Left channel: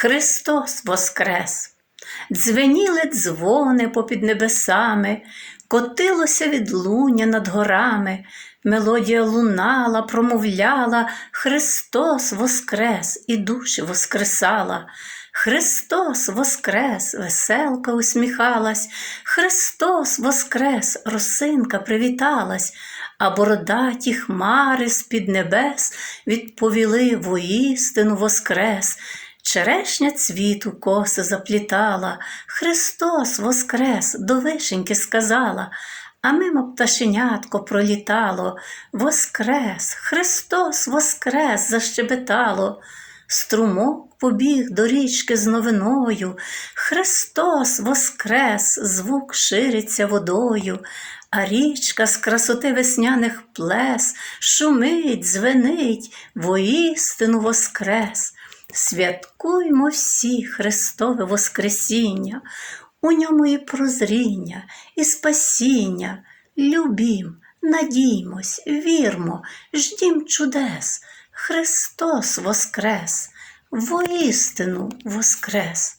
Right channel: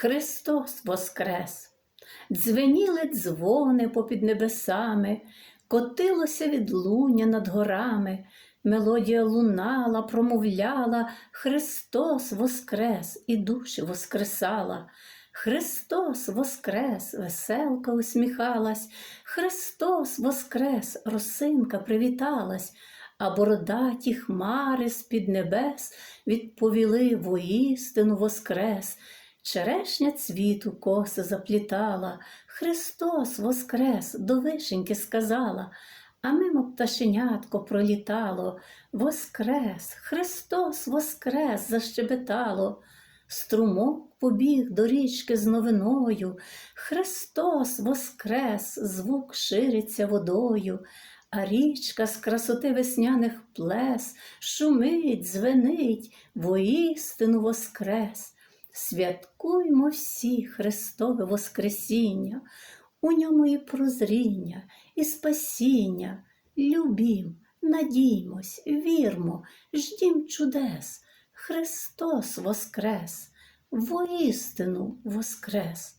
Христос воскрес! Дзвеніли дзвони попід небесами, котилося відлуння над горами, мелодія лунала, промовляла, Христос воскрес і душі воскресала. Христос воскрес, веселка усміхалась, Христос воскрес, росинка привіталась, а бородаті хмари з-під небес відповіли воістину воскрес. Черешня цвіту коси заплітала, Христос воскрес, до вишеньки сказала, а мимо пташенятко пролітало, Воскрес, Христос воскрес, защебетало. Струмок побіг до річки з новиною, Христос воскрес, звук шириться водою, а річка з красоти весняних плес шумить, звенить, воістину воскрес. Святкуймо всі Христове Воскресіння, у ньому і прозріння, і спасіння. Любім, надіймось, вірмо, ждім чудес. Христос воскрес, воістину воскрес.